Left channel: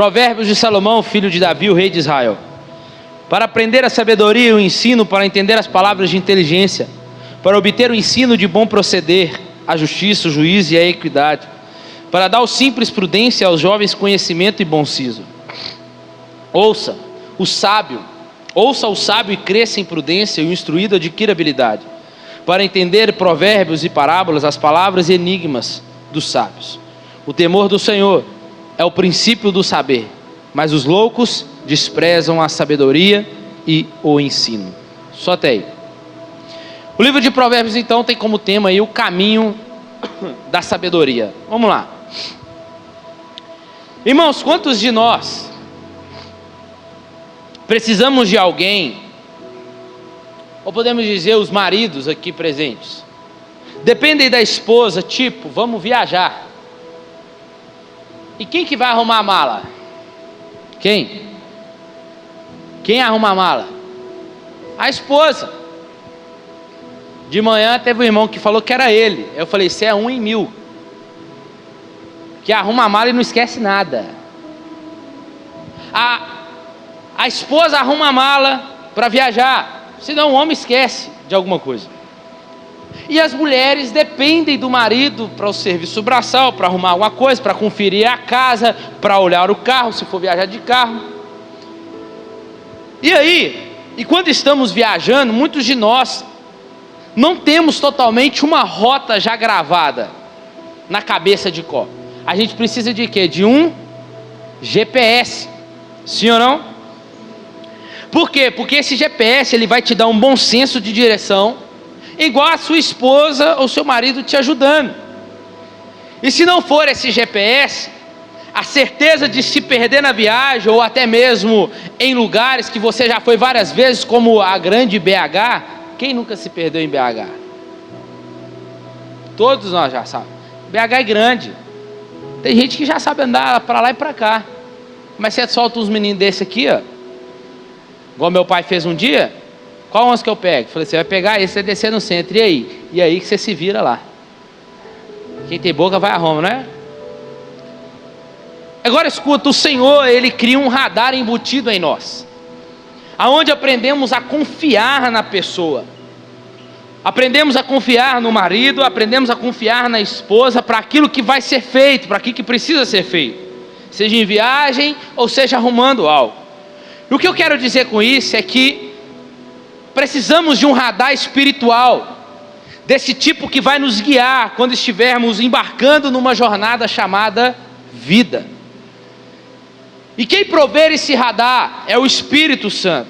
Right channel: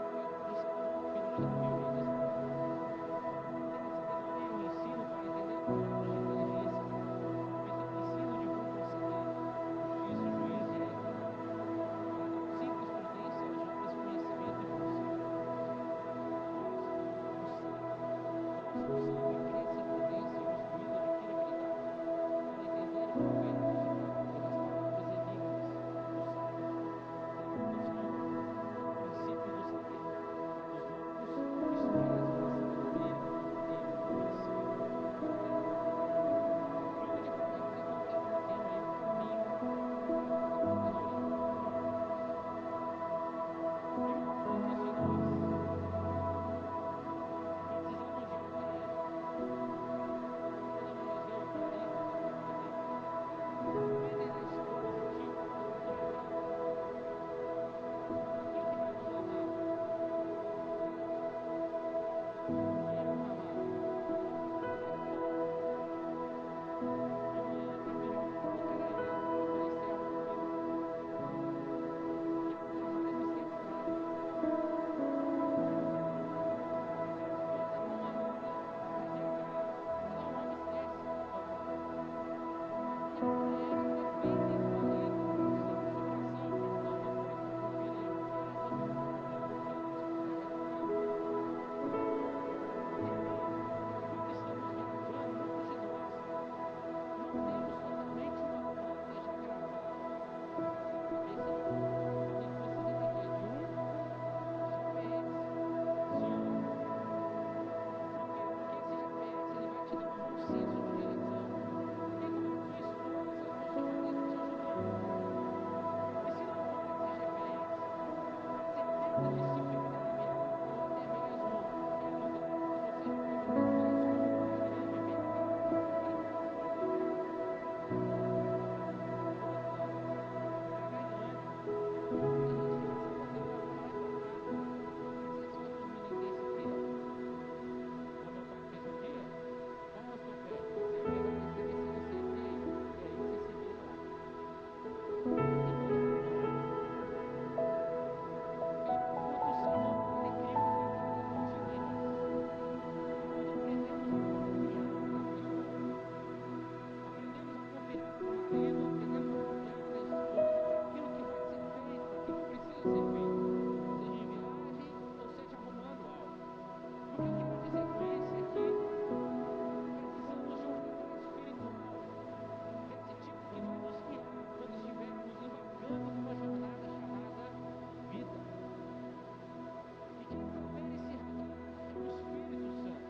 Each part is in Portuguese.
Provérbios de Salomão, filho de Davi, o rei de Israel. Para aprender a sabedoria e o ensino, para entender as palavras de inteligência, para obter o ensino de bom proceder, a justiça, o juízo e a equidade, para dar aos simples prudência, aos jovens conhecimento e bom siso. Ouça o sábio e cresça em prudência, e o instruído adquira habilidade, para entender provérbios e parábolas, as palavras e enigmas dos sábios. O temor do Senhor é o princípio do saber, mas os loucos desprezam a sabedoria e o ensino. Só até aí. O livro de Provérbios então tem como tema aí o caminho da sabedoria. Vamos lá. Irmãos, quantos de nós precisamos de alguém, ou podemos dizer os maridos aqui presentes, dependem da esposa, tipo, vamos viajar. E quem que vai arrumar a mala? Quem? Quem arruma a mala? A esposa. De manhã teve um irmão que falou que era ele. Eu falei, você é 1 em 1000. Que arruma a mala e não esquece nada. A esposa arruma a mala para viajar, senão o homem esquece de alguma coisa. E as mulheres dependem do marido para o serviço braçal, para arrumar alguma coisa, para conferir a casa, para olhar o carro, se for viajar de carro. E aí, quando estamos viajando, muitos de nós não temos totalmente uma rota já gravada na cabeça de cor. A gente precisa de quê? De um GPS, sim ou não? Por quê? Porque esse GPS ele vai te dar um bom senso de direção, igual a sua esposa ou seu marido te ajudando. E se não for esse GPS, a certeza de se perder na viagem, ou até mesmo em lugares que você já foi várias vezes, como a grande BH. Quem nunca se perdeu em BH? Todos nós já sabemos. BH é grande. Tem gente que já sabe andar para lá e para cá. Mas você solta uns meninos desse aqui, ó, igual meu pai fez um dia. Qual ônibus que eu pego? Falei, você vai pegar esse, você descer no centro. E aí? E aí que você se vira lá. Quem tem boca vai a Roma, não é? Agora escuta, o Senhor, Ele cria um radar embutido em nós, aonde aprendemos a confiar na pessoa, aprendemos a confiar no marido, aprendemos a confiar na esposa, para aquilo que vai ser feito, para aquilo que precisa ser feito, seja em viagem, ou seja arrumando algo. E o que eu quero dizer com isso é que precisamos de um radar espiritual, desse tipo que vai nos guiar, quando estivermos embarcando numa jornada chamada vida. E quem prover esse radar é o Espírito Santo,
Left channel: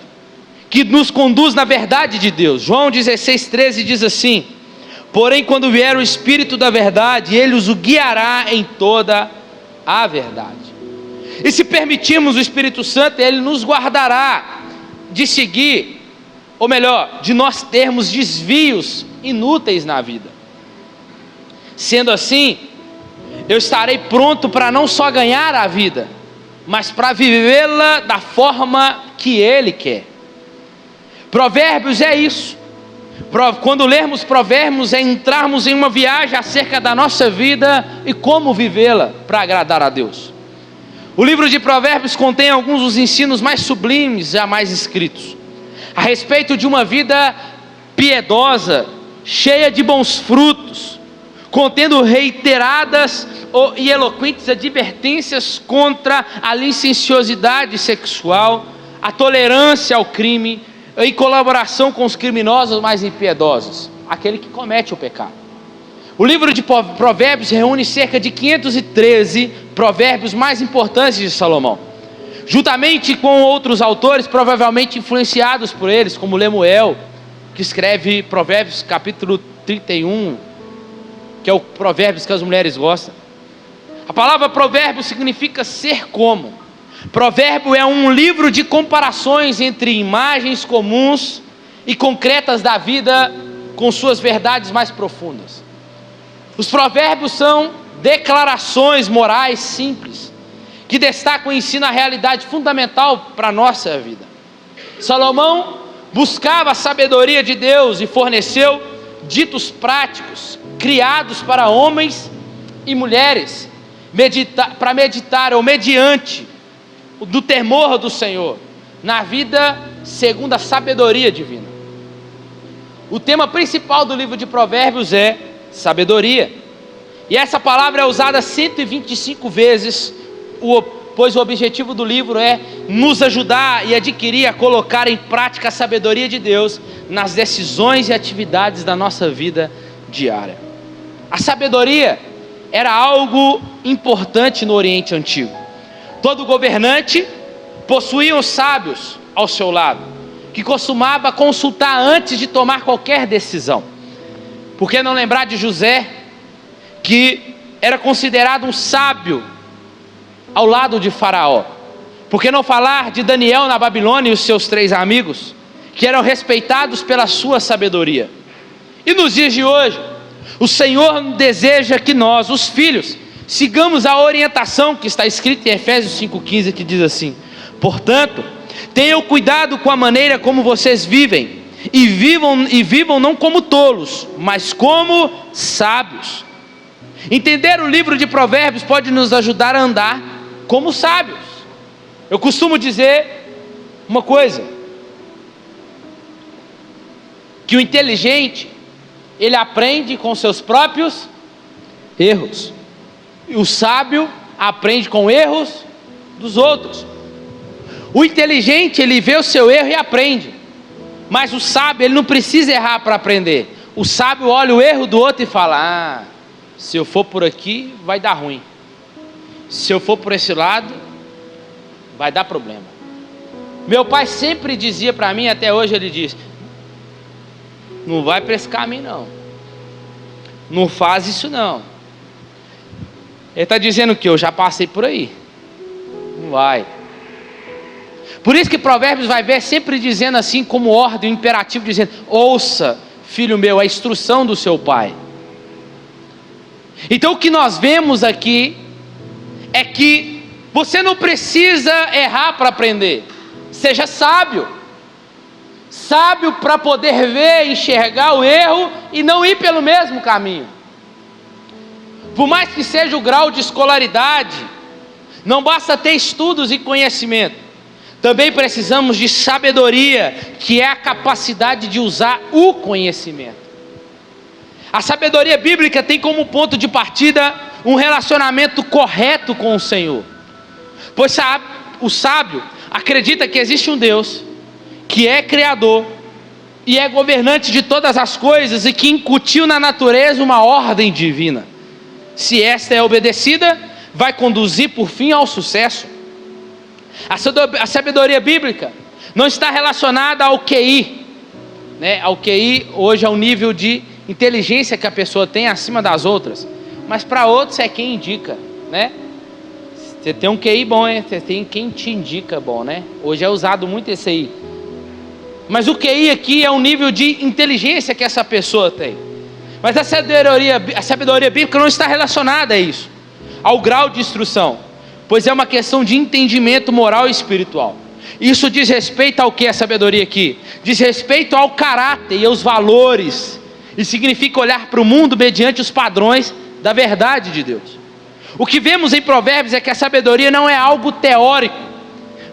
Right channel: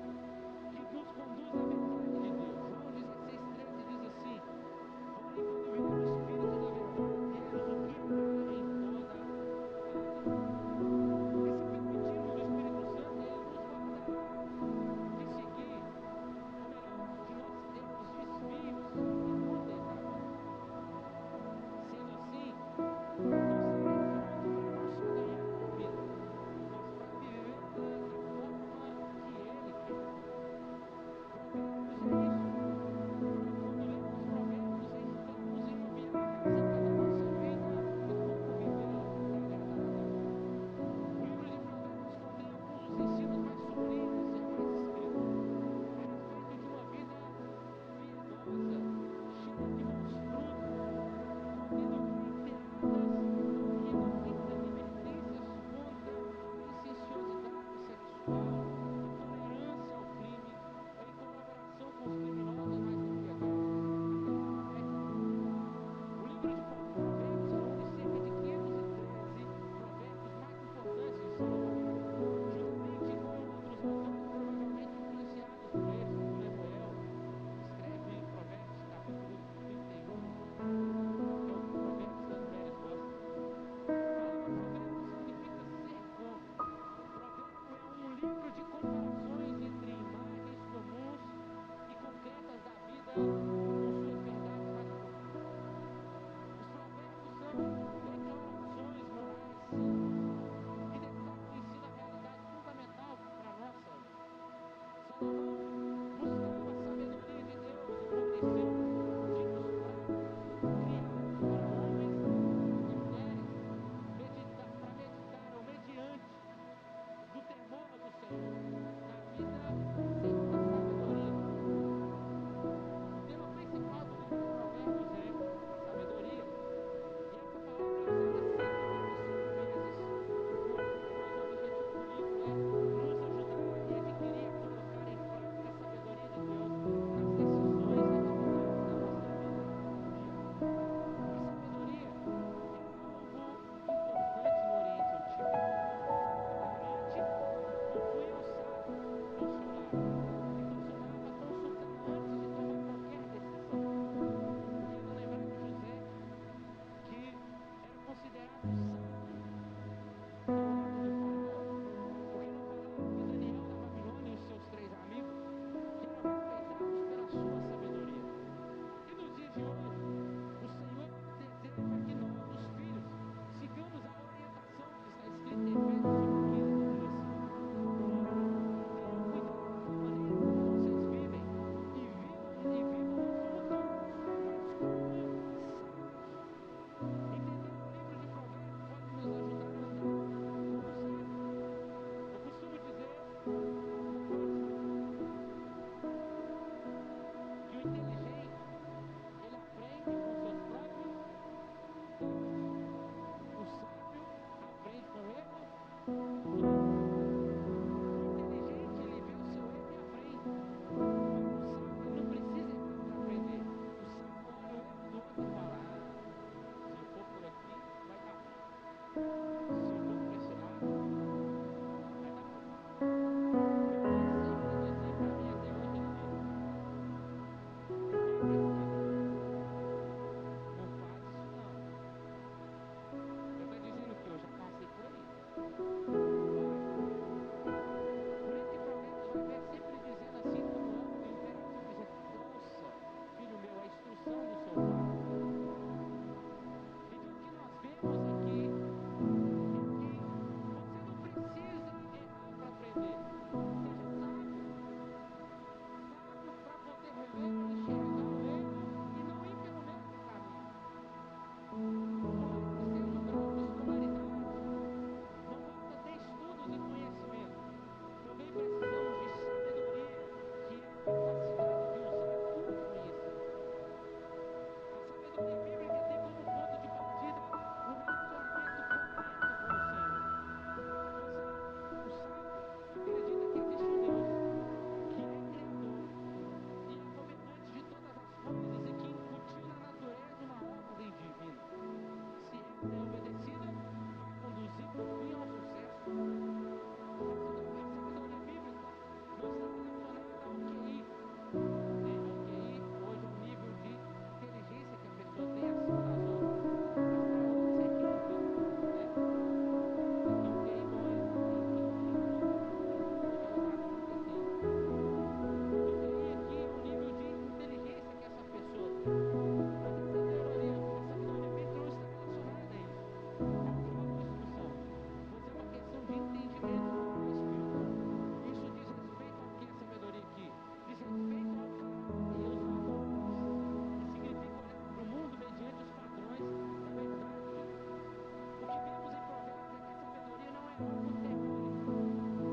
que nos conduz na verdade de Deus. João 16,13 diz assim: porém quando vier o Espírito da verdade, Ele os guiará em toda a verdade. E se permitirmos o Espírito Santo, Ele nos guardará de seguir, ou melhor, de nós termos desvios inúteis na vida. Sendo assim, eu estarei pronto para não só ganhar a vida, mas para vivê-la da forma que Ele quer. Provérbios é isso. Quando lermos Provérbios, é entrarmos em uma viagem acerca da nossa vida e como vivê-la para agradar a Deus. O livro de Provérbios contém alguns dos ensinos mais sublimes jamais escritos, a respeito de uma vida piedosa, cheia de bons frutos, contendo reiteradas e eloquentes advertências contra a licenciosidade sexual, a tolerância ao crime, em colaboração com os criminosos mais impiedosos, aquele que comete o pecado. O livro de Provérbios reúne cerca de 513 provérbios mais importantes de Salomão, juntamente com outros autores provavelmente influenciados por eles, como Lemuel, que escreve Provérbios capítulo 31, que é o Provérbios que as mulheres gostam. A palavra provérbio significa ser como. Provérbio é um livro de comparações entre imagens comuns e concretas da vida com suas verdades mais profundas. Os provérbios são declarações morais simples, que destacam e ensinam a realidade fundamental para a nossa vida. Salomão buscava a sabedoria de Deus e forneceu ditos práticos, criados para homens e mulheres, para meditar ou mediante do temor do Senhor, na vida segundo a sabedoria divina. O tema principal do livro de Provérbios é sabedoria. E essa palavra é usada 125 vezes, pois o objetivo do livro é nos ajudar e adquirir, a colocar em prática a sabedoria de Deus nas decisões e atividades da nossa vida diária. A sabedoria era algo importante no Oriente Antigo. Todo governante possuía os sábios ao seu lado, que costumava consultar antes de tomar qualquer decisão. Por que não lembrar de José, que era considerado um sábio ao lado de Faraó? Por que não falar de Daniel na Babilônia e os seus 3 amigos, que eram respeitados pela sua sabedoria? E nos dias de hoje, o Senhor deseja que nós, os filhos, sigamos a orientação que está escrita em Efésios 5,15, que diz assim: portanto, tenham cuidado com a maneira como vocês vivem, e vivam não como tolos, mas como sábios. Entender o livro de Provérbios pode nos ajudar a andar como sábios. Eu costumo dizer uma coisa, que o inteligente, ele aprende com seus próprios erros, e o sábio aprende com erros dos outros. O inteligente, ele vê o seu erro e aprende, mas o sábio, ele não precisa errar para aprender. O sábio olha o erro do outro e fala: se eu for por aqui vai dar ruim, se eu for por esse lado vai dar problema. Meu pai sempre dizia para mim, até hoje ele diz: não vai para esse caminho não faz isso não. Ele está dizendo que eu já passei por aí, não vai. Por isso que Provérbios vai ver sempre dizendo assim, como ordem, um imperativo, dizendo: ouça, filho meu, a instrução do seu pai. Então o que nós vemos aqui é que você não precisa errar para aprender. Seja sábio, sábio para poder ver, enxergar o erro e não ir pelo mesmo caminho. Por mais que seja o grau de escolaridade, não basta ter estudos e conhecimento. Também precisamos de sabedoria, que é a capacidade de usar o conhecimento. A sabedoria bíblica tem como ponto de partida um relacionamento correto com o Senhor. Pois o sábio acredita que existe um Deus, que é criador e é governante de todas as coisas, e que incutiu na natureza uma ordem divina. Se esta é obedecida, vai conduzir por fim ao sucesso. A sabedoria bíblica não está relacionada ao QI, né? Ao QI hoje é o nível de inteligência que a pessoa tem acima das outras, mas para outros é quem indica, né? Você tem um QI bom, hein? Você tem quem te indica bom, né? Hoje é usado muito esse aí. Mas o QI aqui é um nível de inteligência que essa pessoa tem. Mas a sabedoria bíblica não está relacionada a isso, ao grau de instrução, pois é uma questão de entendimento moral e espiritual. Isso diz respeito ao que é sabedoria aqui? Diz respeito ao caráter e aos valores, e significa olhar para o mundo mediante os padrões da verdade de Deus. O que vemos em Provérbios é que a sabedoria não é algo teórico,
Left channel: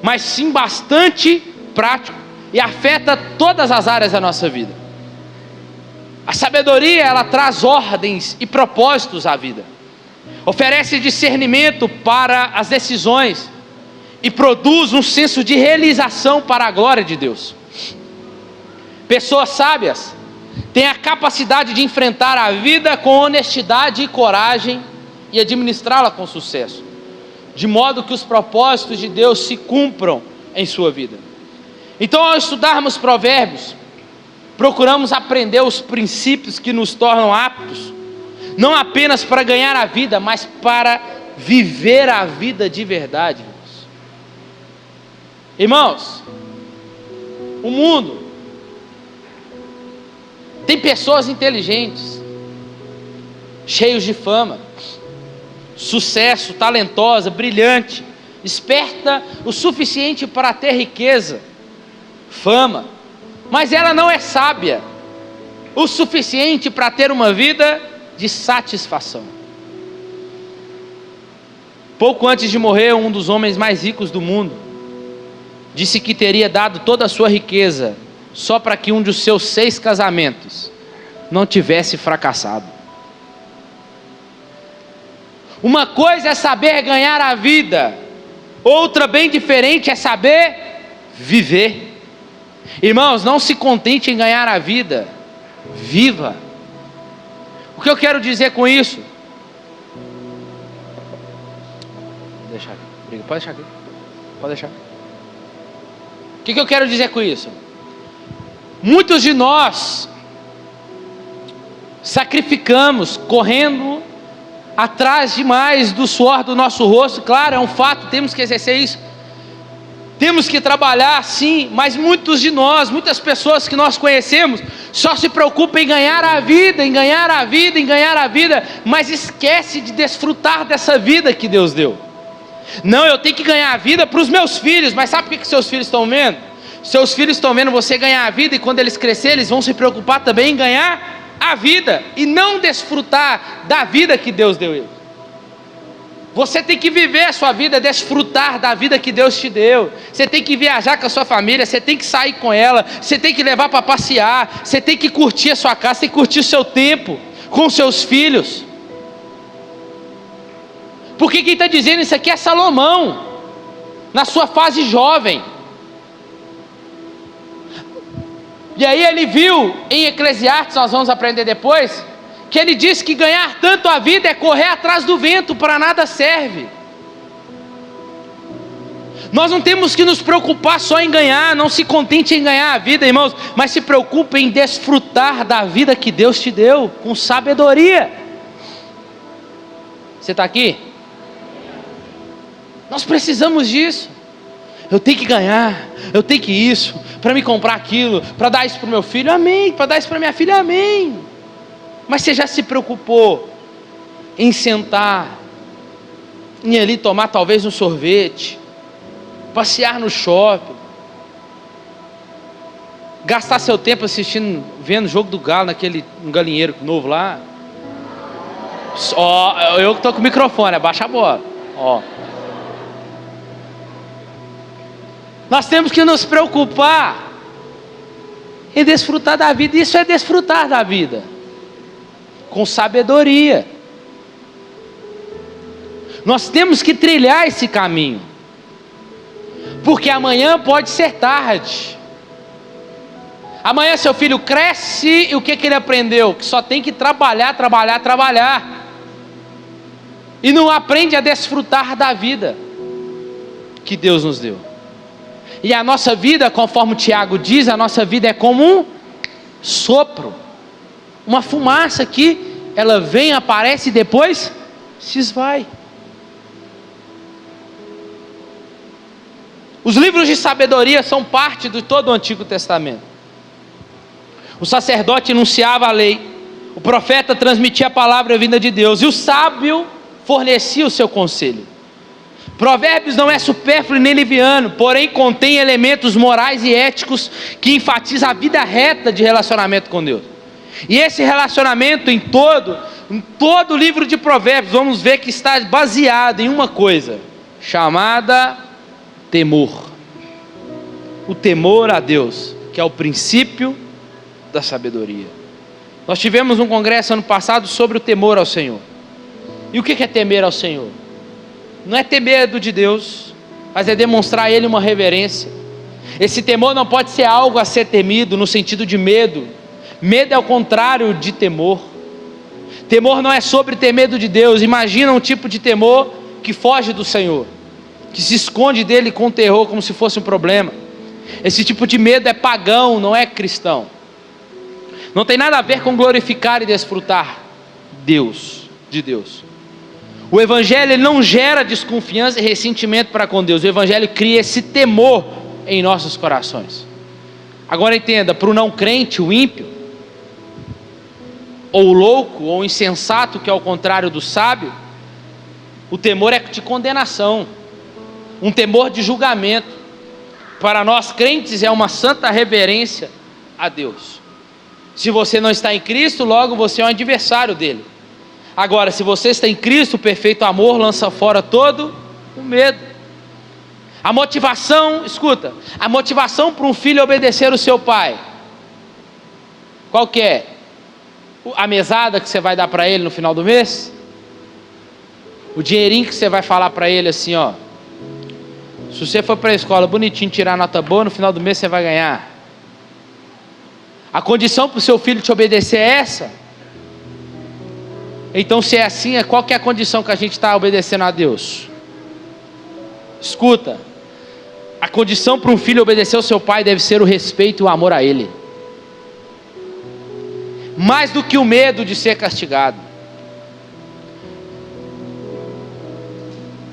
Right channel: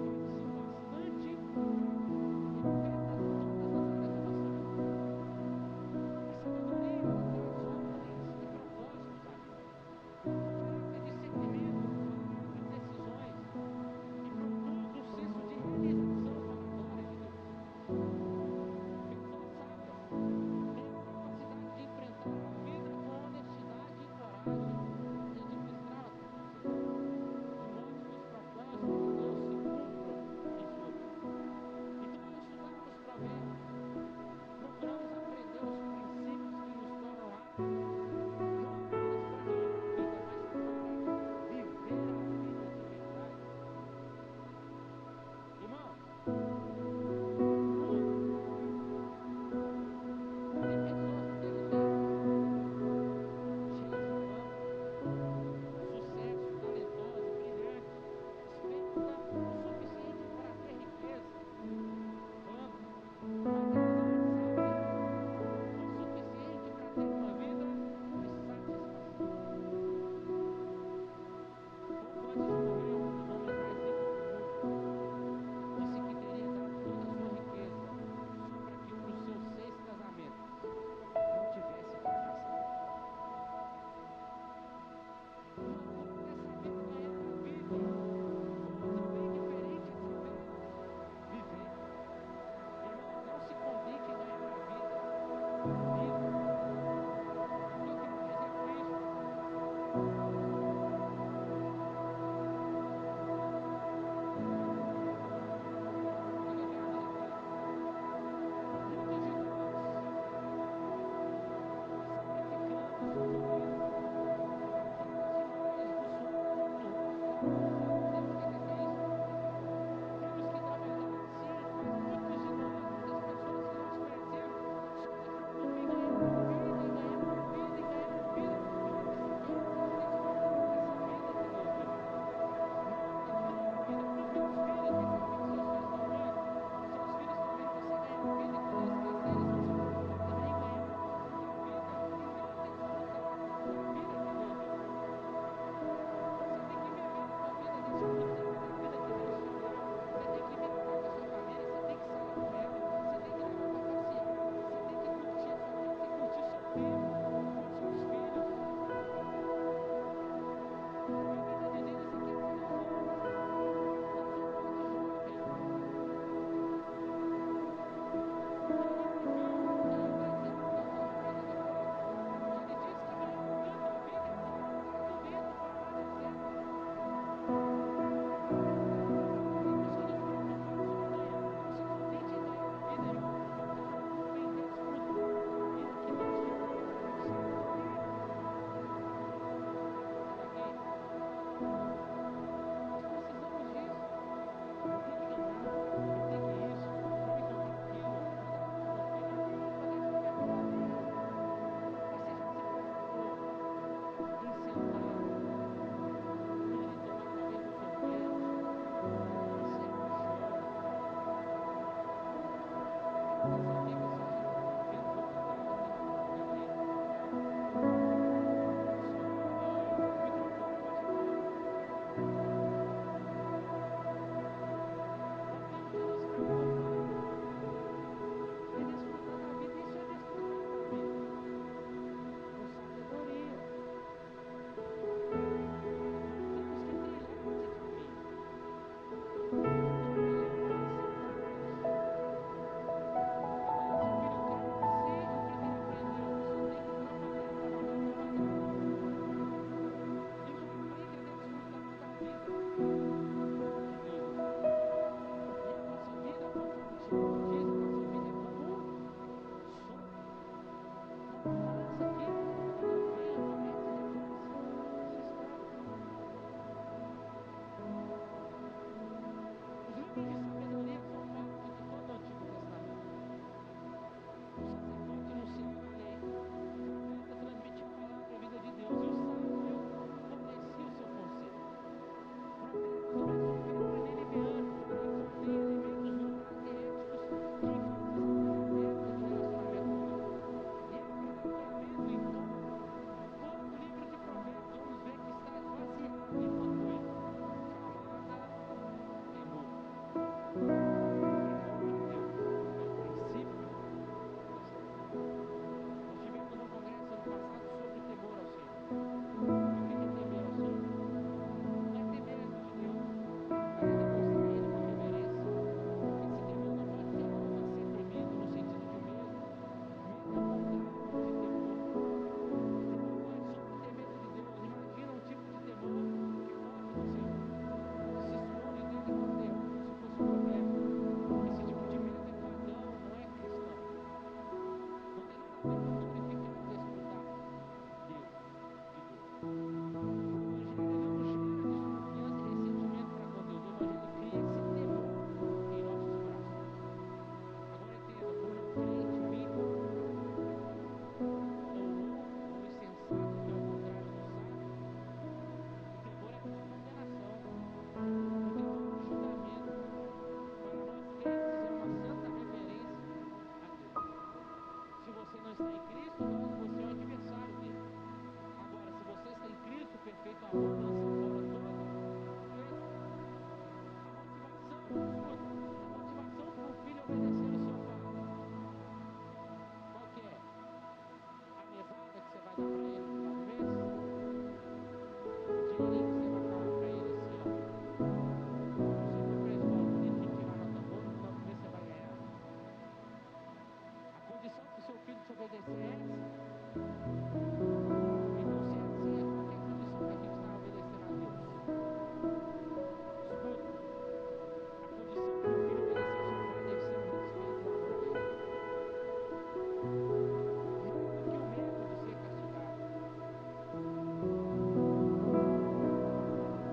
mas sim bastante prático, e afeta todas as áreas da nossa vida. A sabedoria, ela traz ordens e propósitos à vida, oferece discernimento para as decisões e produz um senso de realização para a glória de Deus. Pessoas sábias têm a capacidade de enfrentar a vida com honestidade e coragem e administrá-la com sucesso, de modo que os propósitos de Deus se cumpram em sua vida. Então, ao estudarmos Provérbios, procuramos aprender os princípios que nos tornam aptos, não apenas para ganhar a vida, mas para viver a vida de verdade. Irmãos, o mundo tem pessoas inteligentes, cheios de fama, sucesso, talentosa, brilhante, esperta o suficiente para ter riqueza, fama, mas ela não é sábia o suficiente para ter uma vida de satisfação. Pouco antes de morrer, um dos homens mais ricos do mundo disse que teria dado toda a sua riqueza só para que um dos seus 6 casamentos não tivesse fracassado. Uma coisa é saber ganhar a vida, outra bem diferente é saber viver. Irmãos, não se contente em ganhar a vida, viva. O que eu quero dizer com isso? Deixa aqui. Pode deixar aqui. Pode deixar aqui. O que eu quero dizer com isso? Muitos de nós sacrificamos, correndo atrás demais do suor do nosso rosto. Claro, é um fato, temos que exercer isso. Temos que trabalhar sim, mas muitos de nós, muitas pessoas que nós conhecemos, só se preocupam em ganhar a vida, em ganhar a vida, em ganhar a vida, mas esquece de desfrutar dessa vida que Deus deu. Não, eu tenho que ganhar a vida para os meus filhos, mas sabe o que seus filhos estão vendo? Seus filhos estão vendo você ganhar a vida, e quando eles crescerem, eles vão se preocupar também em ganhar a vida, e não desfrutar da vida que Deus deu a eles. Você tem que viver a sua vida, desfrutar da vida que Deus te deu. Você tem que viajar com a sua família, você tem que sair com ela, você tem que levar para passear, você tem que curtir a sua casa, você tem que curtir o seu tempo com os seus filhos. Porque quem está dizendo isso aqui é Salomão, na sua fase jovem. E aí ele viu em Eclesiastes, nós vamos aprender depois, que ele diz que ganhar tanto a vida é correr atrás do vento, para nada serve. Nós não temos que nos preocupar só em ganhar, não se contente em ganhar a vida, irmãos, mas se preocupe em desfrutar da vida que Deus te deu, com sabedoria. Você está aqui? Nós precisamos disso. Eu tenho que ganhar, eu tenho que isso, para me comprar aquilo, para dar isso para o meu filho, amém, para dar isso para minha filha, amém. Mas você já se preocupou em sentar, em ali tomar talvez um sorvete, passear no shopping, gastar seu tempo assistindo, vendo o jogo do Galo naquele galinheiro novo lá? Ó, eu que estou com o microfone, abaixa a bola. Ó. Nós temos que nos preocupar em desfrutar da vida. Isso é desfrutar da vida com sabedoria. Nós temos que trilhar esse caminho, porque amanhã pode ser tarde. Amanhã seu filho cresce e o que ele aprendeu? Que só tem que trabalhar, trabalhar, trabalhar, e não aprende a desfrutar da vida que Deus nos deu. E a nossa vida, conforme o Tiago diz, a nossa vida é como um sopro, uma fumaça que ela vem, aparece e depois se esvai. Os livros de sabedoria são parte de todo o Antigo Testamento. O sacerdote enunciava a lei, o profeta transmitia a palavra vinda de Deus, e o sábio fornecia o seu conselho. Provérbios não é supérfluo nem liviano, porém contém elementos morais e éticos que enfatizam a vida reta de relacionamento com Deus. E esse relacionamento em todo o livro de Provérbios, vamos ver que está baseado em uma coisa, chamada temor. O temor a Deus, que é o princípio da sabedoria. Nós tivemos um congresso ano passado sobre o temor ao Senhor. E o que é temer ao Senhor? Não é ter medo de Deus, mas é demonstrar a Ele uma reverência. Esse temor não pode ser algo a ser temido no sentido de medo. Medo é o contrário de temor. Temor não é sobre ter medo de Deus. Imagina um tipo de temor que foge do Senhor, que se esconde dele com terror como se fosse um problema. Esse tipo de medo é pagão, não é cristão. Não tem nada a ver com glorificar e desfrutar de Deus. O Evangelho ele não gera desconfiança e ressentimento para com Deus. O Evangelho cria esse temor em nossos corações. Agora entenda, para o não crente, o ímpio, ou o louco, ou o insensato, que é o contrário do sábio, o temor é de condenação, um temor de julgamento. Para nós crentes é uma santa reverência a Deus. Se você não está em Cristo, logo você é um adversário dele. Agora, se você está em Cristo, o perfeito amor lança fora todo o medo. A motivação, escuta, a motivação para um filho obedecer o seu pai, qual que é? A mesada que você vai dar para ele no final do mês? O dinheirinho que você vai falar para ele assim, ó, se você for para a escola bonitinho, tirar nota boa, no final do mês você vai ganhar. A condição para o seu filho te obedecer é essa? Então, se é assim, qual que é a condição que a gente está obedecendo a Deus? Escuta, a condição para um filho obedecer ao seu pai deve ser o respeito e o amor a ele, mais do que o medo de ser castigado.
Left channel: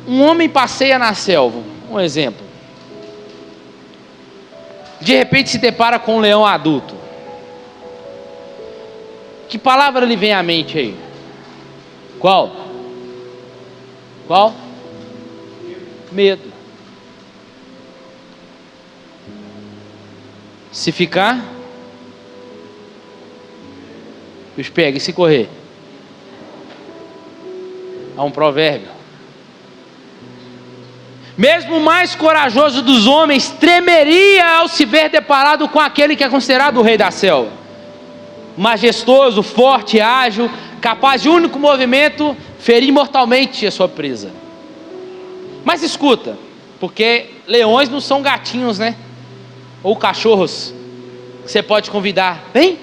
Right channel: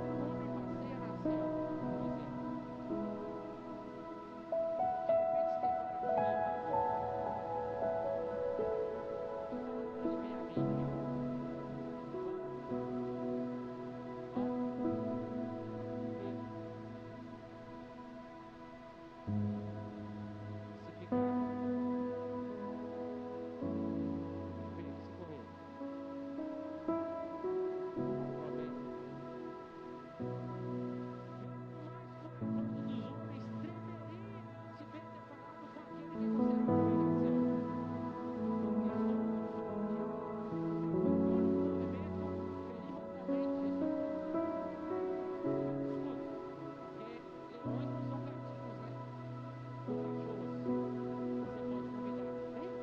Um homem passeia na selva, um exemplo, de repente se depara com um leão adulto. Que palavra lhe vem à mente aí? Qual? Medo. Se ficar, os pega, e se correr? Há um provérbio. Mesmo o mais corajoso dos homens tremeria ao se ver deparado com aquele que é considerado o rei da selva. Majestoso, forte, ágil, capaz de único movimento ferir mortalmente a sua presa. Mas escuta, porque leões não são gatinhos, né? Ou cachorros que você pode convidar, vem.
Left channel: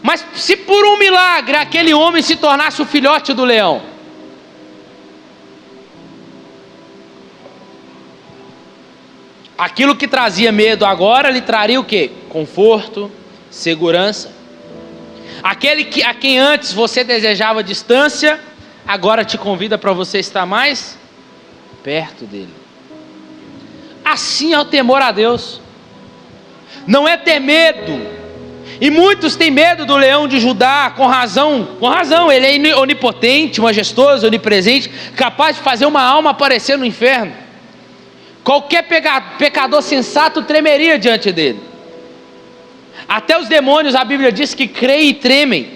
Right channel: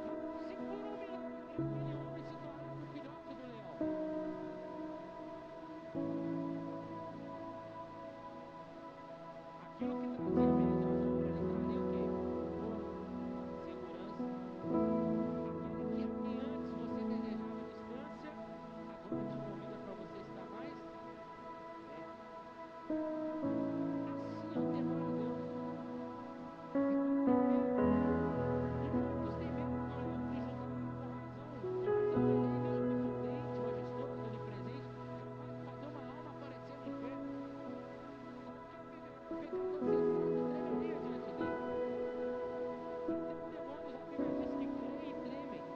Mas se por um milagre aquele homem se tornasse o filhote do leão, aquilo que trazia medo agora lhe traria o quê? Conforto, segurança. Aquele a quem antes você desejava distância, agora te convida para você estar mais perto dele. Assim é o temor a Deus. Não é ter medo. E muitos têm medo do leão de Judá, com razão, ele é onipotente, majestoso, onipresente, capaz de fazer uma alma aparecer no inferno. Qualquer pecador sensato tremeria diante dele. Até os demônios, a Bíblia diz que creem e tremem.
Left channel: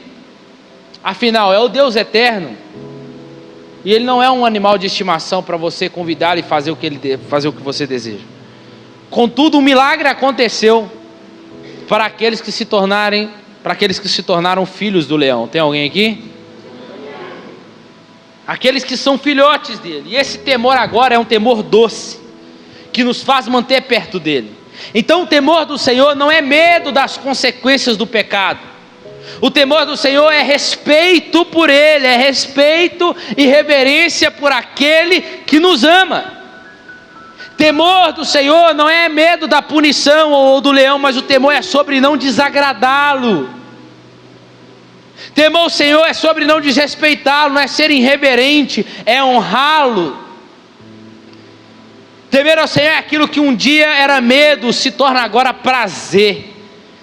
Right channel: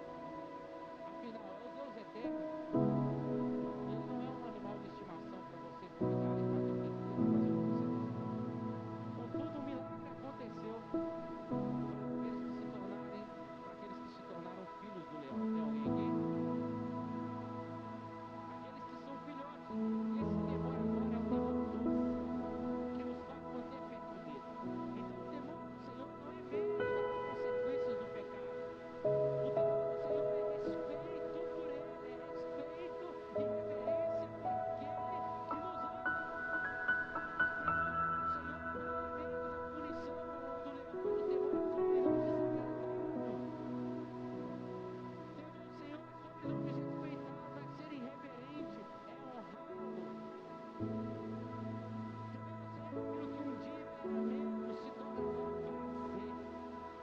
Afinal, é o Deus eterno. E ele não é um animal de estimação para você convidar e fazer o que você deseja. Contudo, um milagre aconteceu para aqueles que se tornaram filhos do leão. Tem alguém aqui? Aqueles que são filhotes dele. E esse temor agora é um temor doce, que nos faz manter perto dele. Então o temor do Senhor não é medo das consequências do pecado. O temor do Senhor é respeito por ele, é respeito e reverência por aquele que nos ama. Temor do Senhor não é medo da punição ou do leão, mas o temor é sobre não desagradá-lo. Temor ao Senhor é sobre não desrespeitá-lo, não é ser irreverente, é honrá-lo. Temer ao Senhor é aquilo que um dia era medo, se torna agora prazer.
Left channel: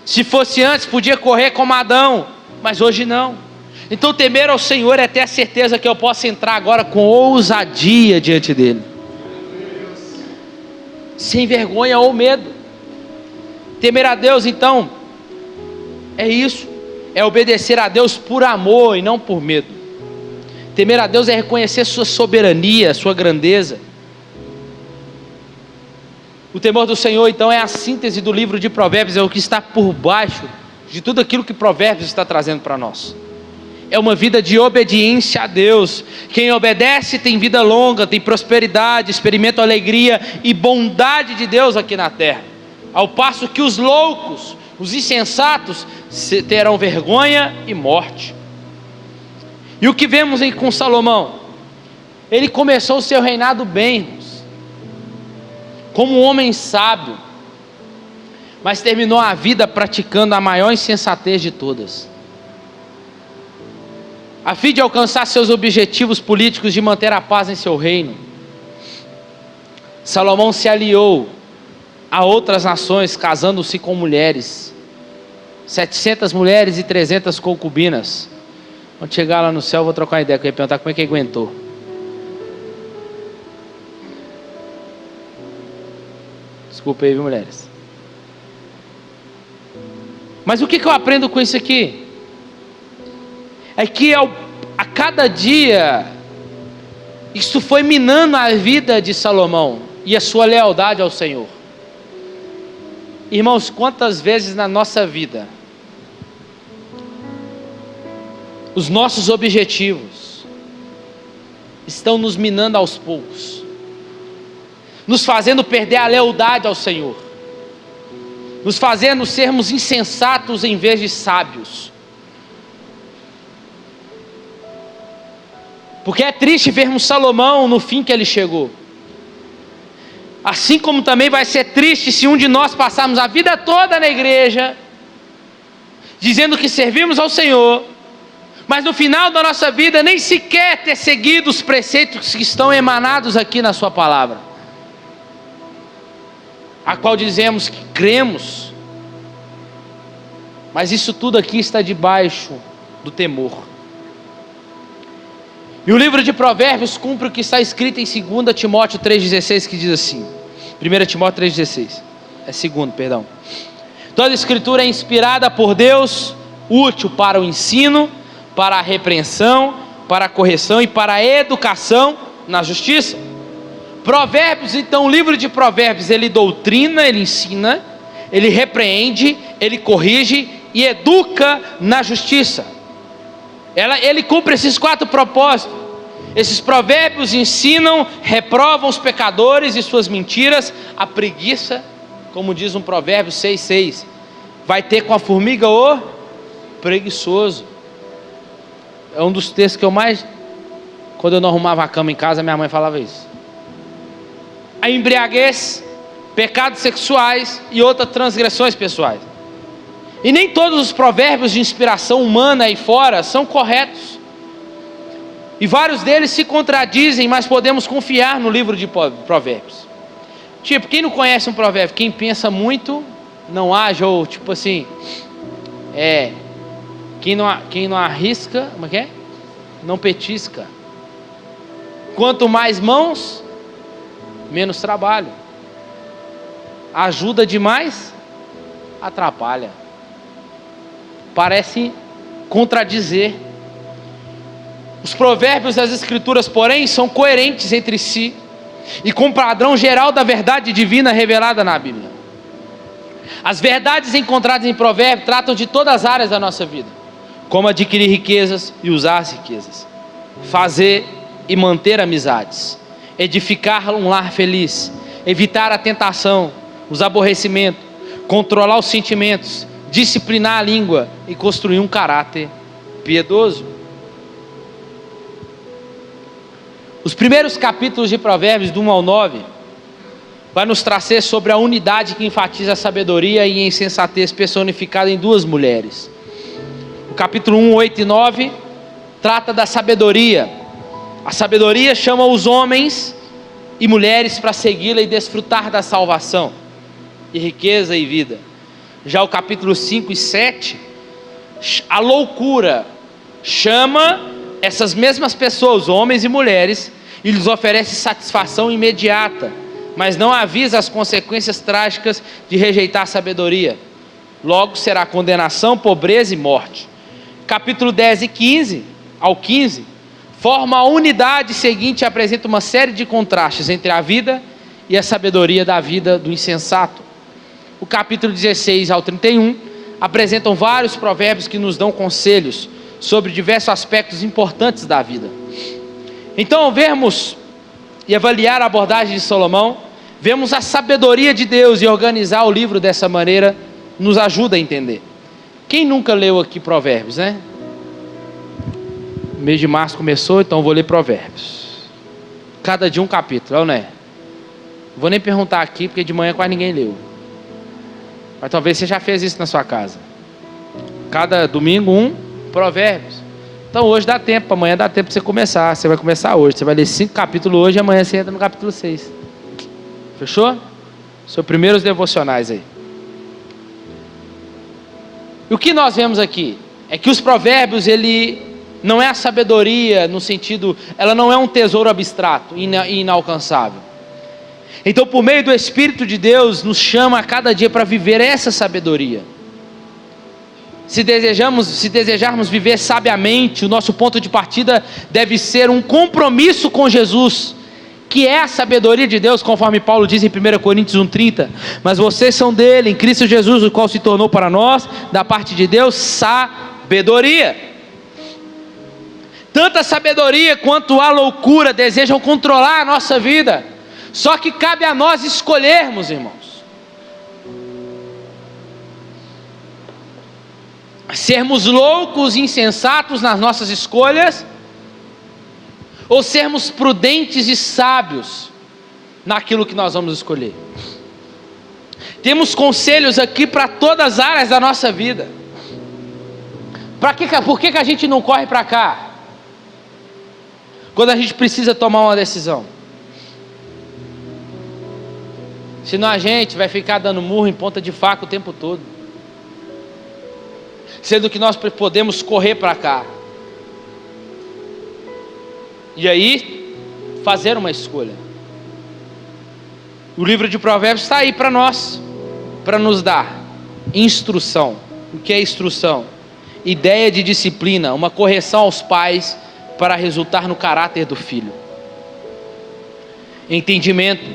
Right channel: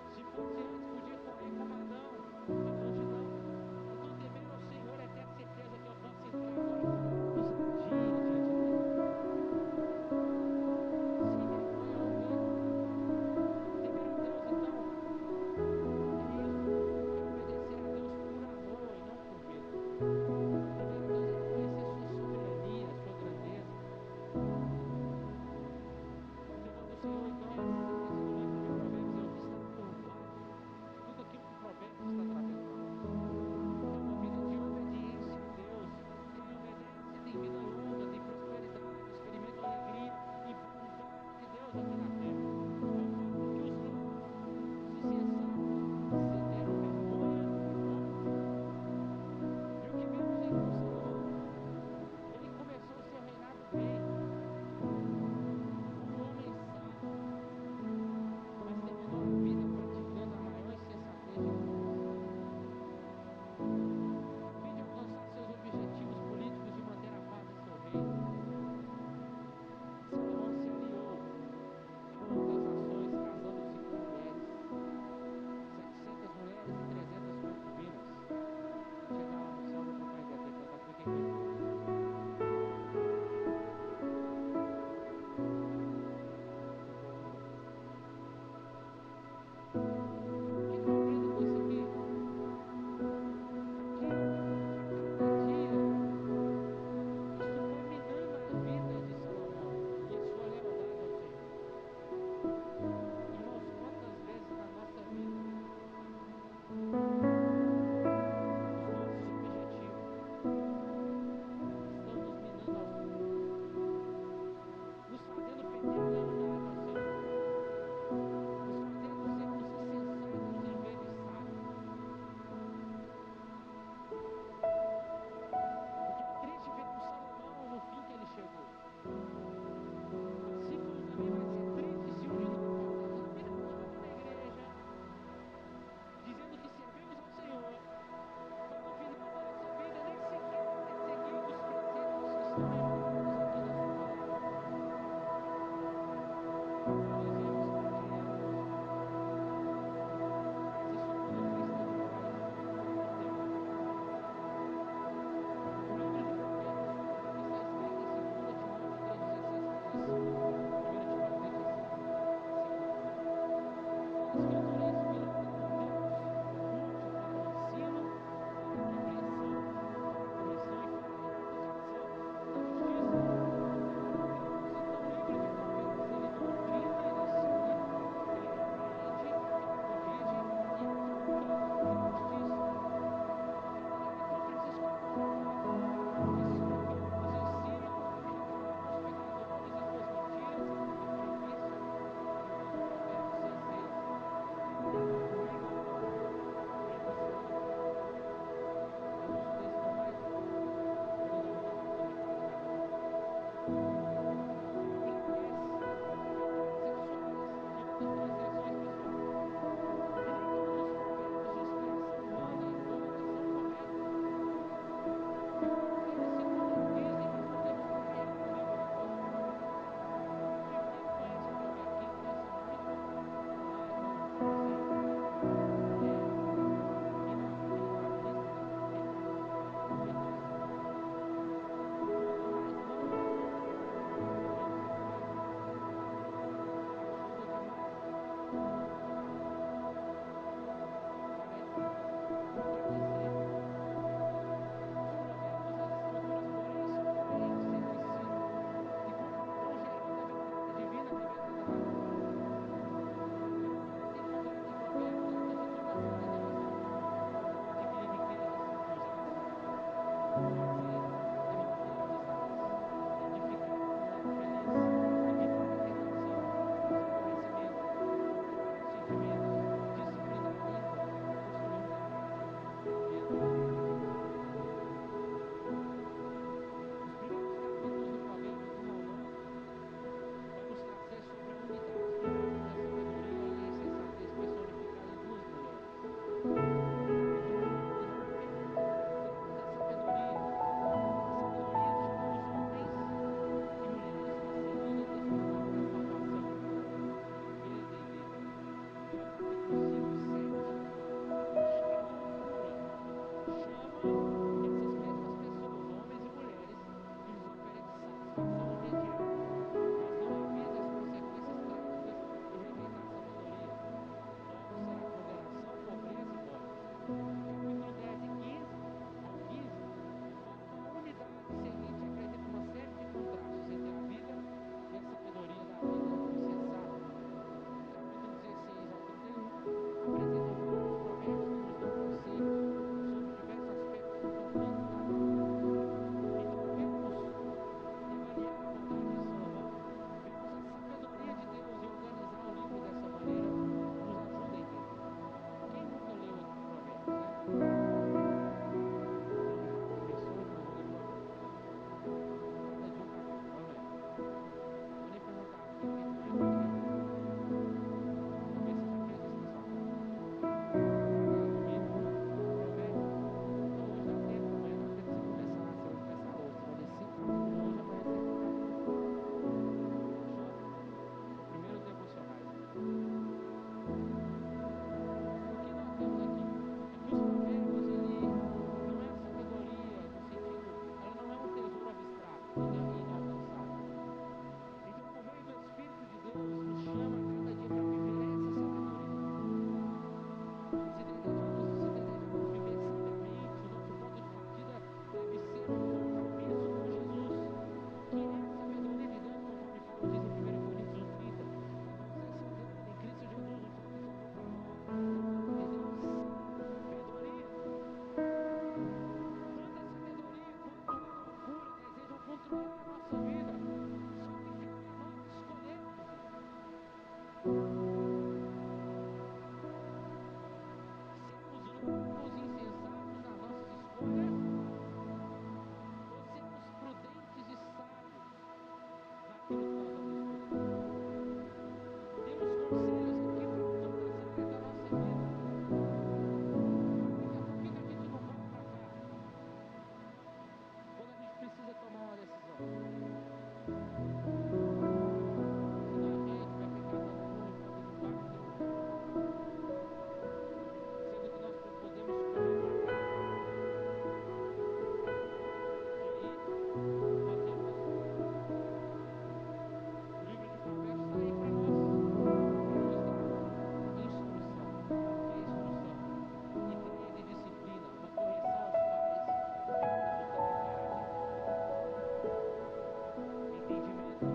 Se fosse antes, podia correr como Adão, mas hoje não. Então temer ao Senhor é ter a certeza que eu posso entrar agora com ousadia diante dele, sem vergonha ou medo. Temer a Deus, então, é isso, é obedecer a Deus por amor e não por medo. Temer a Deus é reconhecer sua soberania, sua grandeza. O temor do Senhor, então, é a síntese do livro de Provérbios, é o que está por baixo de tudo aquilo que Provérbios está trazendo para nós. É uma vida de obediência a Deus. Quem obedece tem vida longa, tem prosperidade, experimenta a alegria e bondade de Deus aqui na terra. Ao passo que os loucos, os insensatos, terão vergonha e morte. E o que vemos com Salomão? Ele começou o seu reinado bem, irmãos, como um homem sábio, mas terminou a vida praticando a maior insensatez de todas. A fim de alcançar seus objetivos políticos de manter a paz em seu reino, Salomão se aliou a outras nações, casando-se com mulheres, 700 mulheres e 300 concubinas. Quando chegar lá no céu, eu vou trocar uma ideia, eu ia perguntar como é que aguentou. Desculpa aí, viu, mulheres? Mas o que eu aprendo com isso aqui? É que a cada dia Isso foi minando a vida de Salomão e a sua lealdade ao Senhor. Irmãos, quantas vezes na nossa vida os nossos objetivos estão nos minando aos poucos, nos fazendo perder a lealdade ao Senhor, nos fazendo sermos insensatos em vez de sábios. Porque é triste vermos Salomão no fim que ele chegou. Assim como também vai ser triste se um de nós passarmos a vida toda na igreja, dizendo que servimos ao Senhor, mas no final da nossa vida nem sequer ter seguido os preceitos que estão emanados aqui na sua palavra, a qual dizemos que cremos, mas isso tudo aqui está debaixo do temor. E o livro de Provérbios cumpre o que está escrito em 2 Timóteo 3,16, que diz assim, 1 Timóteo 3,16, perdão. Toda a escritura é inspirada por Deus, útil para o ensino, para a repreensão, para a correção e para a educação na justiça. Provérbios, então, o livro de Provérbios, ele doutrina, ele ensina, ele repreende, ele corrige e educa na justiça. Ele cumpre esses 4 propósitos. Esses provérbios ensinam, reprovam os pecadores e suas mentiras. A preguiça, como diz um provérbio 6,6, vai ter com a formiga o preguiçoso. É um dos textos que eu mais, quando eu não arrumava a cama em casa, minha mãe falava isso. A embriaguez, pecados sexuais e outras transgressões pessoais. E nem todos os provérbios de inspiração humana aí fora são corretos. E vários deles se contradizem, mas podemos confiar no livro de Provérbios. Tipo, quem não conhece um provérbio? Quem pensa muito, não age, ou tipo assim, quem não arrisca, como é que é? Não petisca. Quanto mais mãos, menos trabalho. Ajuda demais, atrapalha. Parece contradizer. Os provérbios das escrituras, porém, são coerentes entre si e com o padrão geral da verdade divina revelada na Bíblia. As verdades encontradas em provérbios tratam de todas as áreas da nossa vida, como adquirir riquezas e usar as riquezas, fazer e manter amizades, edificar um lar feliz, evitar a tentação, os aborrecimentos, controlar os sentimentos, disciplinar a língua e construir um caráter piedoso. Os primeiros capítulos de Provérbios, do 1 ao 9, vai nos trazer sobre a unidade que enfatiza a sabedoria e a insensatez personificada em 2 mulheres. O capítulo 1, 8 e 9 trata da sabedoria. A sabedoria chama os homens e mulheres para segui-la e desfrutar da salvação, e riqueza e vida. Já o capítulo 5 e 7, a loucura chama essas mesmas pessoas, homens e mulheres, e lhes oferece satisfação imediata, mas não avisa as consequências trágicas de rejeitar a sabedoria. Logo será condenação, pobreza e morte. Capítulo 10 e 15 ao 15 forma a unidade seguinte e apresenta uma série de contrastes entre a vida e a sabedoria da vida do insensato. O capítulo 16 ao 31 apresentam vários provérbios que nos dão conselhos sobre diversos aspectos importantes da vida. Então, ao vermos e avaliar a abordagem de Salomão, vemos a sabedoria de Deus, e organizar o livro dessa maneira nos ajuda a entender. Quem nunca leu aqui Provérbios, né? O mês de março começou, então vou ler Provérbios. Cada dia um capítulo, não é? Não vou nem perguntar aqui, porque de manhã quase ninguém leu. Mas talvez você já fez isso na sua casa. Cada domingo um Provérbios. Então hoje dá tempo, amanhã dá tempo para você começar. Você vai começar hoje, você vai ler 5 capítulos hoje e amanhã você entra no capítulo 6. Fechou? Seus primeiros devocionais aí. E o que nós vemos aqui é que os provérbios, ele não é a sabedoria no sentido, ela não é um tesouro abstrato e inalcançável. Então, por meio do Espírito de Deus, nos chama a cada dia para viver essa sabedoria. Se desejarmos viver sabiamente, o nosso ponto de partida deve ser um compromisso com Jesus, que é a sabedoria de Deus, conforme Paulo diz em 1 Coríntios 1,30. Mas vocês são dele, em Cristo Jesus, o qual se tornou para nós, da parte de Deus, sabedoria. Tanta sabedoria quanto a loucura desejam controlar a nossa vida, só que cabe a nós escolhermos, irmãos. Sermos loucos e insensatos nas nossas escolhas, ou sermos prudentes e sábios naquilo que nós vamos escolher. Temos conselhos aqui para todas as áreas da nossa vida. Por que a gente não corre para cá? Quando a gente precisa tomar uma decisão. Senão a gente vai ficar dando murro em ponta de faca o tempo todo. Sendo que nós podemos correr para cá. E aí, fazer uma escolha. O livro de Provérbios está aí para nós, para nos dar instrução. O que é instrução? Ideia de disciplina, uma correção aos pais para resultar no caráter do filho. Entendimento,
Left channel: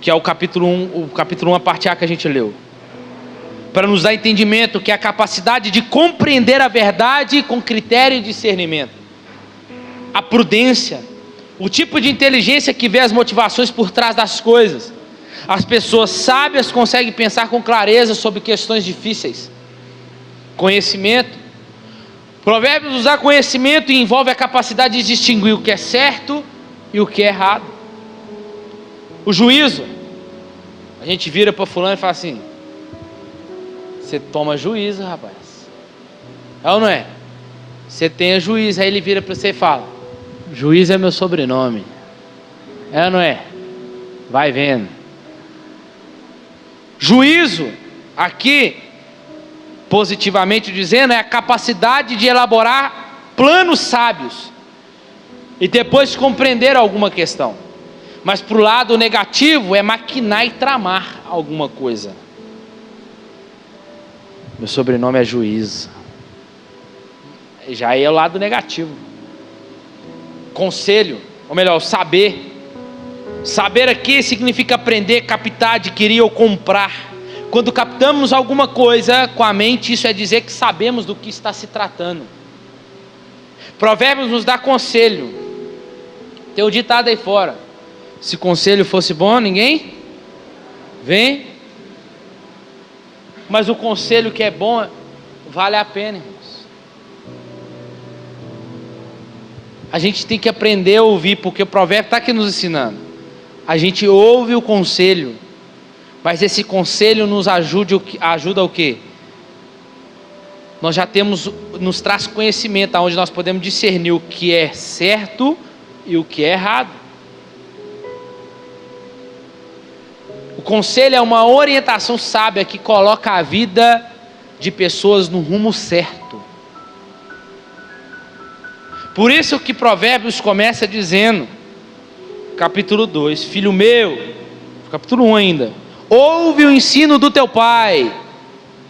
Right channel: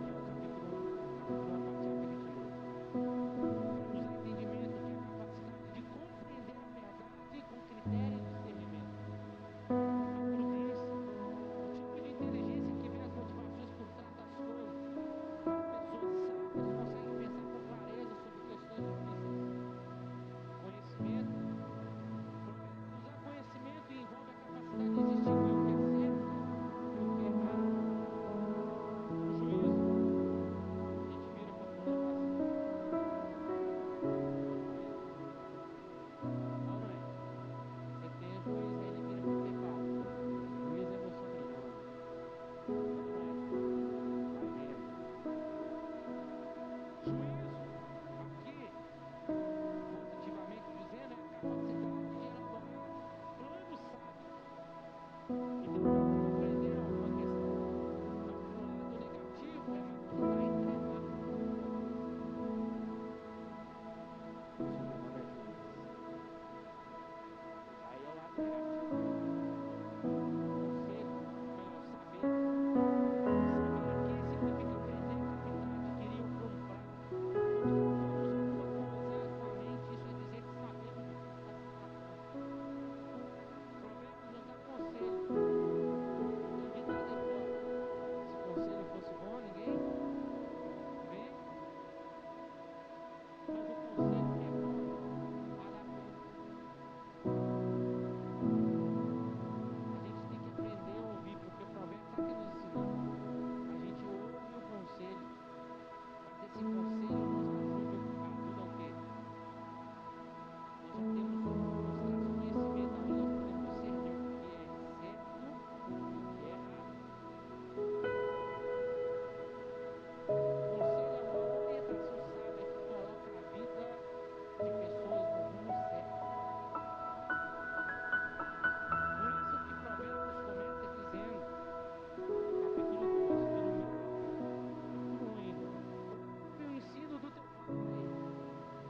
que é o capítulo 1, a parte A que a gente leu. Para nos dar entendimento, que é a capacidade de compreender a verdade com critério e discernimento. A prudência, o tipo de inteligência que vê as motivações por trás das coisas. As pessoas sábias conseguem pensar com clareza sobre questões difíceis. Conhecimento. Provérbios nos dá conhecimento e envolve a capacidade de distinguir o que é certo e o que é errado. O juízo. A gente vira para fulano e fala assim: você toma juízo, rapaz. É ou não é? Você tem juízo. Aí ele vira para você e fala: juiz é meu sobrenome. É ou não é? Vai vendo. Juízo, aqui, positivamente dizendo, é a capacidade de elaborar planos sábios e depois compreender alguma questão. Mas para o lado negativo é maquinar e tramar alguma coisa. Meu sobrenome é juiz. Já é o lado negativo. Conselho, ou melhor, saber. Saber aqui significa aprender, captar, adquirir ou comprar. Quando captamos alguma coisa com a mente, isso é dizer que sabemos do que está se tratando. Provérbios nos dá conselho. Tem um ditado aí fora: se conselho fosse bom, ninguém vem. Mas o conselho que é bom vale a pena, irmãos. A gente tem que aprender a ouvir, porque o provérbio está aqui nos ensinando. A gente ouve o conselho, mas esse conselho ajuda o quê? Nós já nos traz conhecimento, onde nós podemos discernir o que é certo e o que é errado. O conselho é uma orientação sábia que coloca a vida de pessoas no rumo certo. Por isso que Provérbios começa dizendo, capítulo 2, filho meu, capítulo 1 ainda, ouve o ensino do teu pai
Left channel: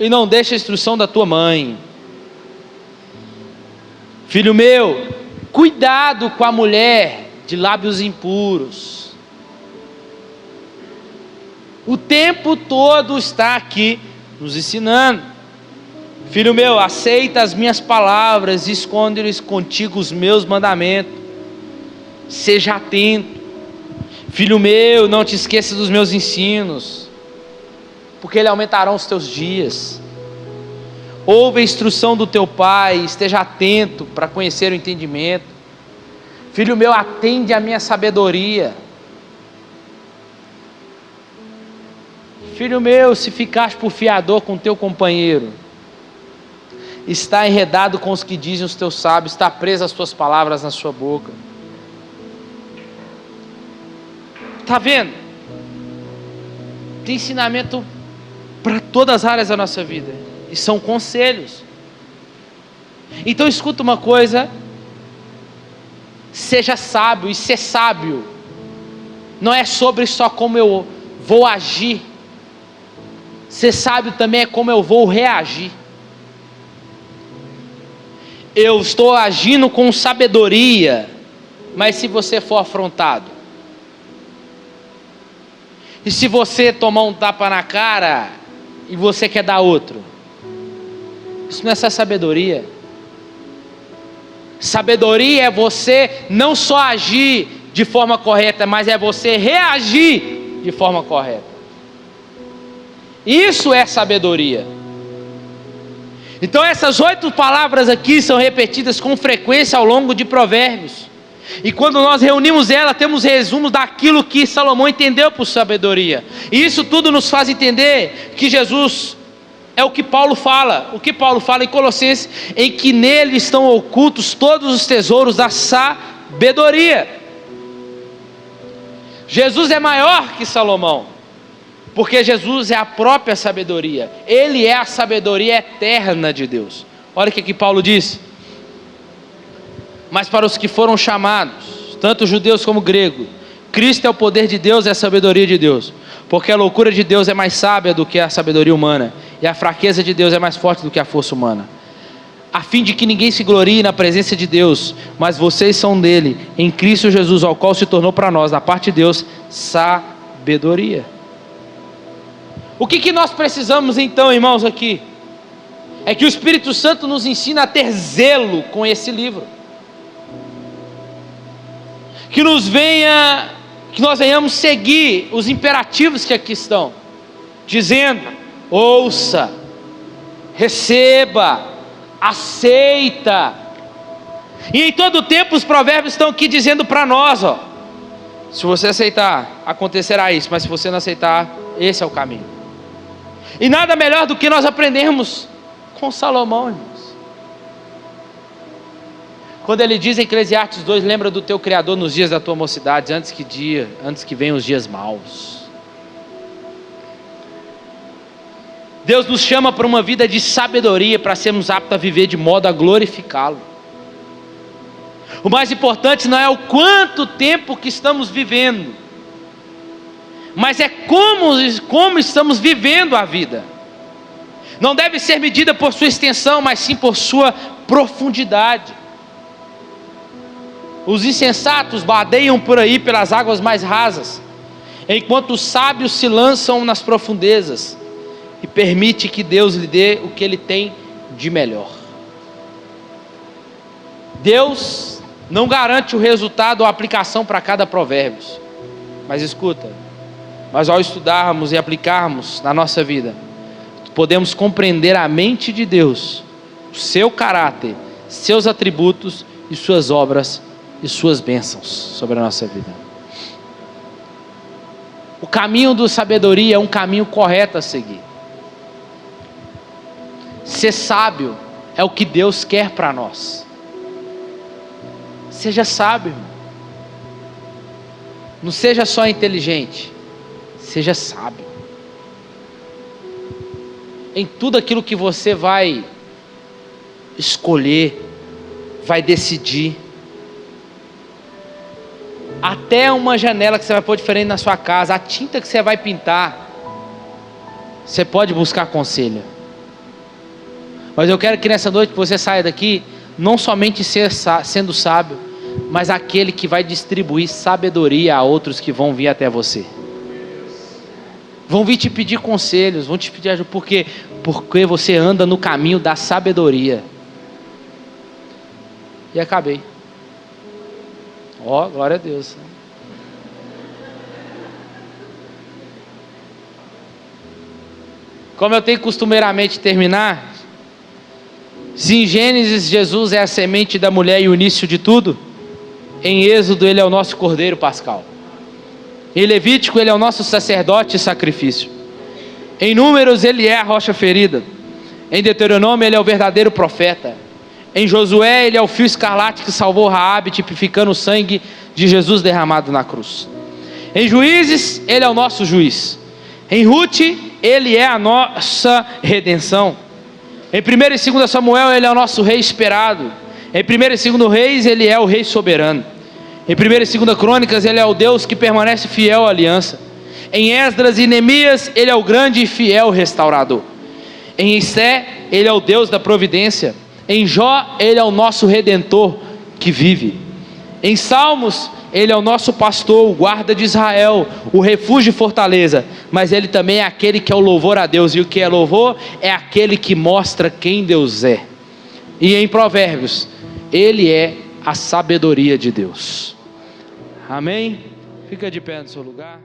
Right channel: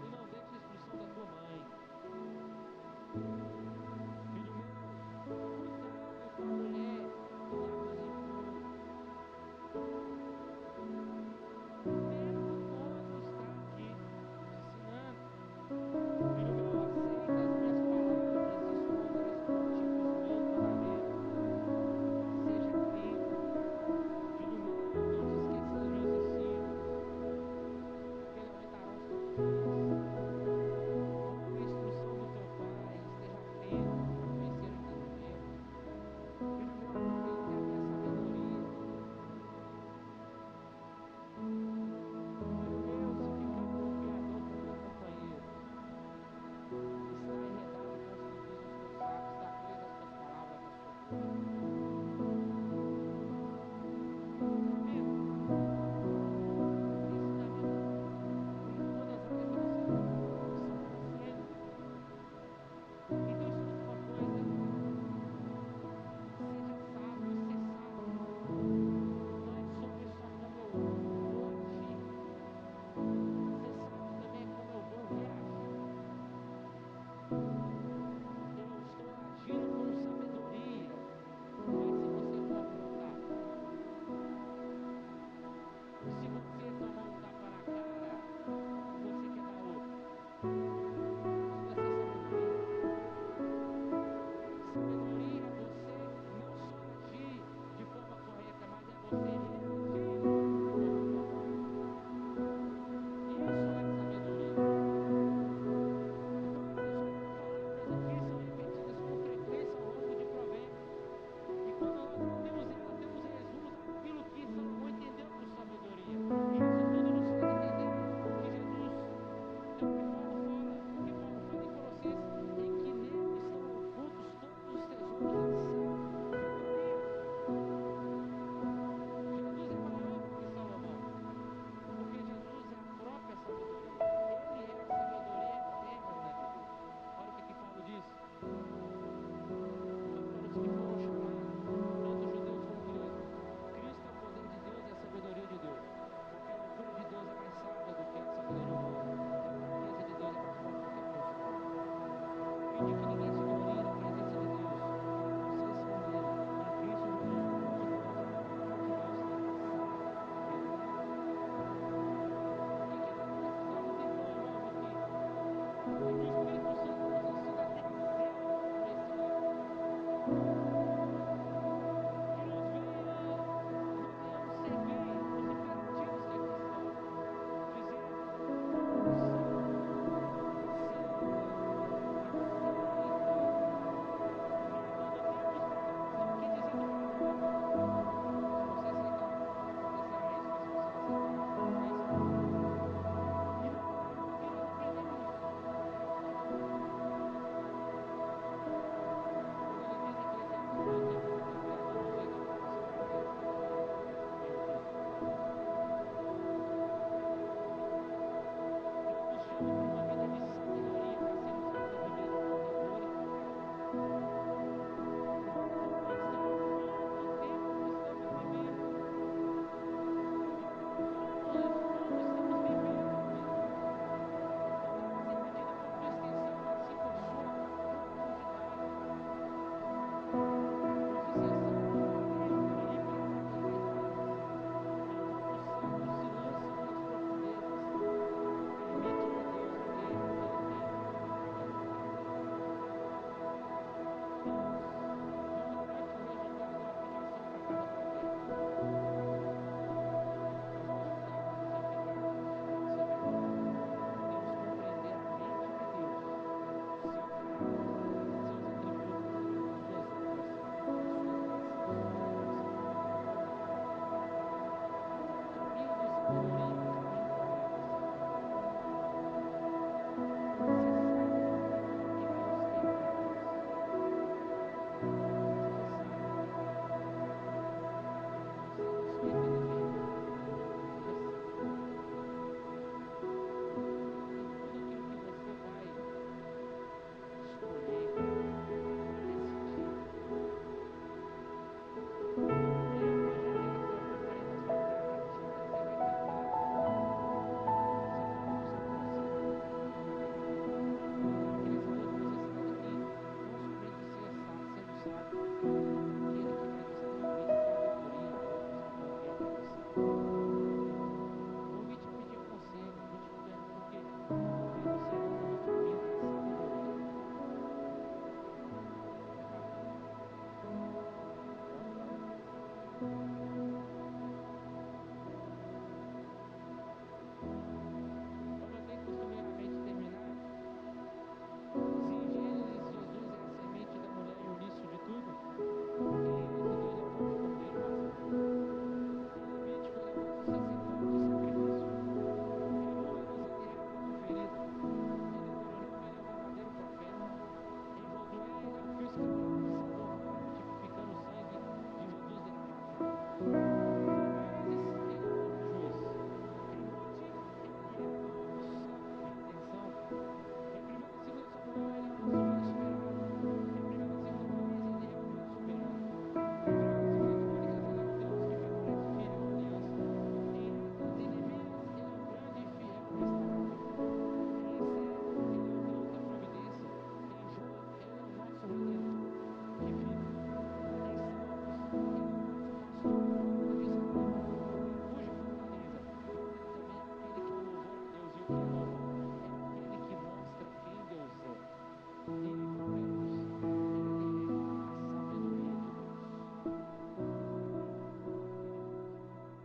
e não deixe a instrução da tua mãe. Filho meu, cuidado com a mulher de lábios impuros. O tempo todo está aqui nos ensinando. Filho meu, aceita as minhas palavras e esconde-lhes contigo os meus mandamentos. Seja atento. Filho meu, não te esqueças dos meus ensinos, porque eles aumentarão os teus dias. Ouve a instrução do teu pai, esteja atento para conhecer o entendimento. Filho meu, atende a minha sabedoria. Filho meu, se ficares por fiador com teu companheiro, está enredado com os que dizem os teus sábios, está preso as tuas palavras na sua boca. Está vendo? Tem ensinamento para todas as áreas da nossa vida, e são conselhos. Então escuta uma coisa: seja sábio, e ser sábio não é sobre só como eu vou agir. Ser sábio também é como eu vou reagir. eu estou agindo com sabedoria, mas se você for afrontado? E se você tomar um tapa na cara e você quer dar outro? Isso não é essa sabedoria. Sabedoria é você não só agir de forma correta, mas é você reagir de forma correta. Isso é sabedoria. Então essas 8 palavras aqui são repetidas com frequência ao longo de Provérbios. E quando nós reunimos ela, temos resumos daquilo que Salomão entendeu por sabedoria. E isso tudo nos faz entender que Jesus é o que Paulo fala. O que Paulo fala em Colossenses, em que nele estão ocultos todos os tesouros da sabedoria. Jesus é maior que Salomão, porque Jesus é a própria sabedoria. Ele é a sabedoria eterna de Deus. Olha o que Paulo diz: mas para os que foram chamados, tanto judeus como gregos, Cristo é o poder de Deus e a sabedoria de Deus, porque a loucura de Deus é mais sábia do que a sabedoria humana, e a fraqueza de Deus é mais forte do que a força humana, a fim de que ninguém se glorie na presença de Deus, mas vocês são dele, em Cristo Jesus, ao qual se tornou para nós, da parte de Deus, sabedoria. O que nós precisamos então, irmãos, aqui? É que o Espírito Santo nos ensina a ter zelo com esse livro. Que nós venhamos seguir os imperativos que aqui estão, dizendo: ouça, receba, aceita. E em todo tempo os provérbios estão aqui dizendo para nós, se você aceitar, acontecerá isso, mas se você não aceitar, esse é o caminho. E nada melhor do que nós aprendermos com Salomão, irmãos. Quando ele diz em Eclesiastes 2, lembra do teu Criador nos dias da tua mocidade, antes que venham os dias maus. Deus nos chama para uma vida de sabedoria, para sermos aptos a viver de modo a glorificá-lo. O mais importante não é o quanto tempo que estamos vivendo, mas é como estamos vivendo a vida. Não deve ser medida por sua extensão, mas sim por sua profundidade. Os insensatos badeiam por aí pelas águas mais rasas, enquanto os sábios se lançam nas profundezas, e permite que Deus lhe dê o que ele tem de melhor. Deus não garante o resultado ou a aplicação para cada provérbio, mas escuta, mas ao estudarmos e aplicarmos na nossa vida, podemos compreender a mente de Deus, o seu caráter, seus atributos e suas obras e suas bênçãos sobre a nossa vida. O caminho da sabedoria é um caminho correto a seguir. Ser sábio é o que Deus quer para nós. Seja sábio, irmão. Não seja só inteligente, seja sábio. Em tudo aquilo que você vai escolher, vai decidir, até uma janela que você vai pôr diferente na sua casa, a tinta que você vai pintar, você pode buscar conselho. Mas eu quero que nessa noite você saia daqui não somente sendo sábio, mas aquele que vai distribuir sabedoria a outros que vão vir até você. Vão vir te pedir conselhos, vão te pedir ajuda, porque você anda no caminho da sabedoria. E acabei. Glória a Deus. Como eu tenho costumeiramente terminar, se em Gênesis Jesus é a semente da mulher e o início de tudo, em Êxodo ele é o nosso cordeiro pascal. Em Levítico ele é o nosso sacerdote e sacrifício. Em Números ele é a rocha ferida. Em Deuteronômio ele é o verdadeiro profeta. Em Josué ele é o fio escarlate que salvou Raabe, tipificando o sangue de Jesus derramado na cruz. Em Juízes ele é o nosso juiz. Em Ruth ele é a nossa redenção. Em 1 e 2 Samuel ele é o nosso rei esperado. Em 1 e 2 Reis ele é o rei soberano. Em 1 e 2 Crônicas ele é o Deus que permanece fiel à aliança. Em Esdras e Neemias ele é o grande e fiel restaurador. Em Esté ele é o Deus da providência. Em Jó, Ele é o nosso Redentor que vive. Em Salmos, Ele é o nosso pastor, o guarda de Israel, o refúgio e fortaleza. Mas Ele também é aquele que é o louvor a Deus. E o que é louvor? É aquele que mostra quem Deus é. E em Provérbios, Ele é a sabedoria de Deus. Amém? Fica de pé no seu lugar.